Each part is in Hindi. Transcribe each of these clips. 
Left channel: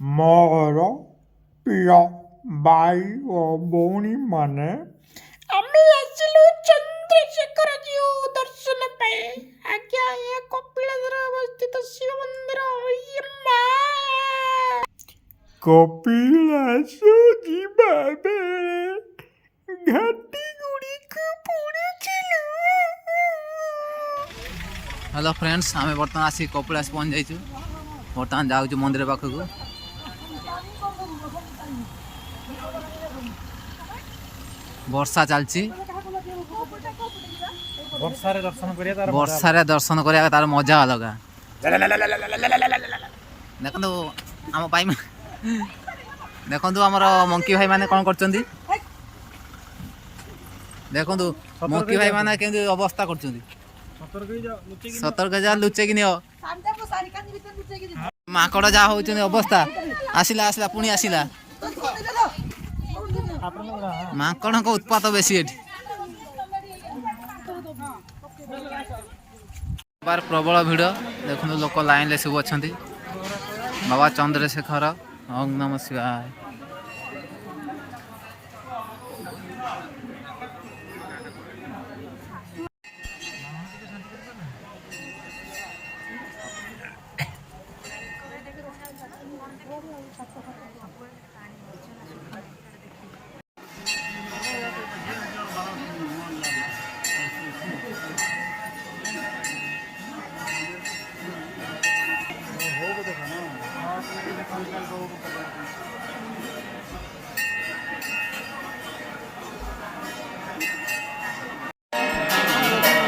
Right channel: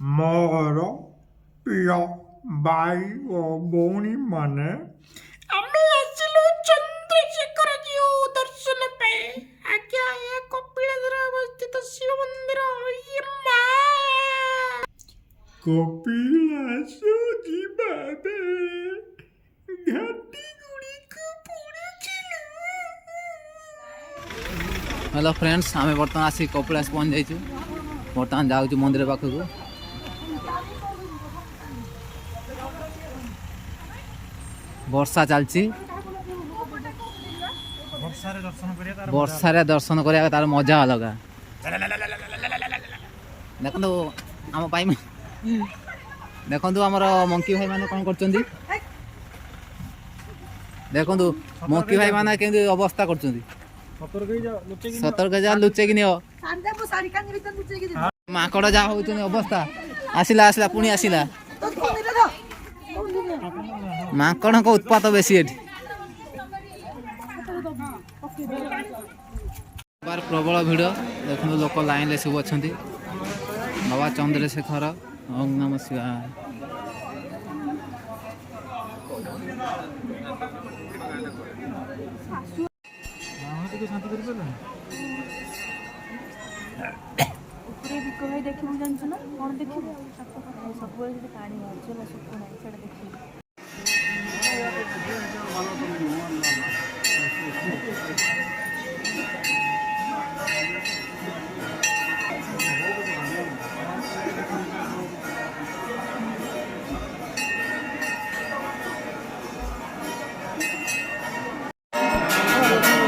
मोर प्रिय भाई ओ भौणी माने आम्ही आसिलु चंद्रशेखर जीव दर्शन पे आज्ञा ये कपिलासर अवस्थित शिव मंदिर यम्मा कपिलास जीवा बेले घाटी गुड़िक पड़ुथिलु। हेलो फ्रेंड्स, आम बर्तमान आसी कपिलास पहुँच जाइए। बर्तमान जाऊँ मंदिर पाखक। वर्षा चलती, वर्षार दर्शन करा तार मजा अलग। देखो आम भाई देखु आमर मंकी भाई मैंने कौन कर देखु मंकी भाई मैंने केमती अवस्था कर सतर्क जा लुचेक नियो माकड़ जहाँ हो अवस्था आसला आसला पुणी आसला माकड़ को उत्पात बेसी बार प्रबल भिड़ देखो लोक लाइन ले सब अच्छा बाबा चंद्रशेखर ओम नमः शिवाय।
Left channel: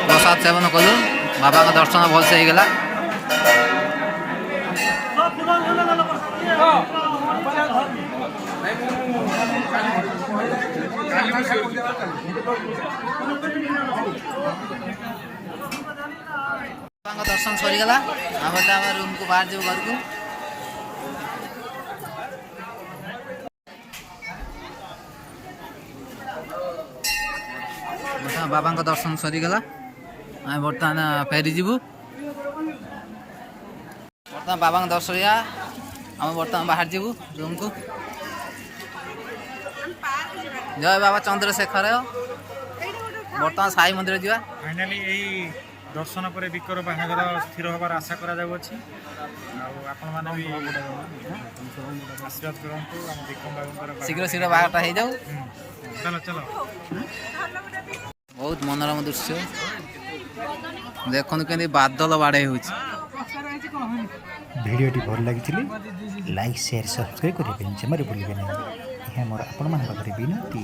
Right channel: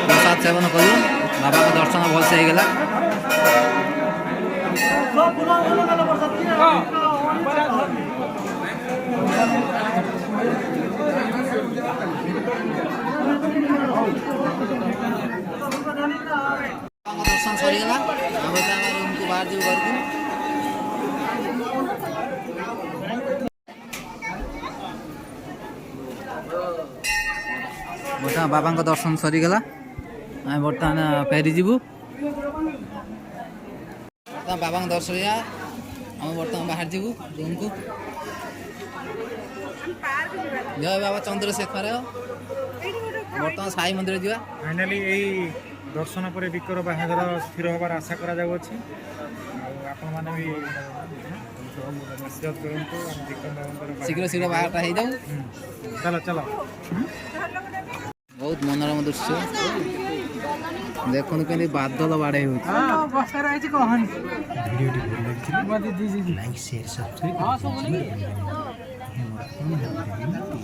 प्रसाद सेवन कलु बाबा का दर्शन भलसे हो गला। दर्शन सरीगला रूम को बाहर जाऊ घर को। बर्तमान बाबा दर्शन सरीगला आम बर्तमान फेरी जीवु। बर्तमान बाबा दर्शन आम बर्तमान बाहर जीवु रूम को। जय बाबा चंद्रशेखर। बर्तमान साई मंदिर जा फाइनाली यही दर्शन पर विकर बाहागर स्थिर हबार आशा करा जाउछि। आपण माने भी आशीर्वाद करंतु हम विक्रम बाबूंकर शीघ्र शीघ्र बाहाटा हो जाऊ। चलो चलो बहुत मनोरम दृश्य देखो के बादल बाड़े हो। वीडियो भल लगी लाइक शेयर सब्सक्राइब करके जमारे भूलिए नहीं। मोर आपण मान विनती।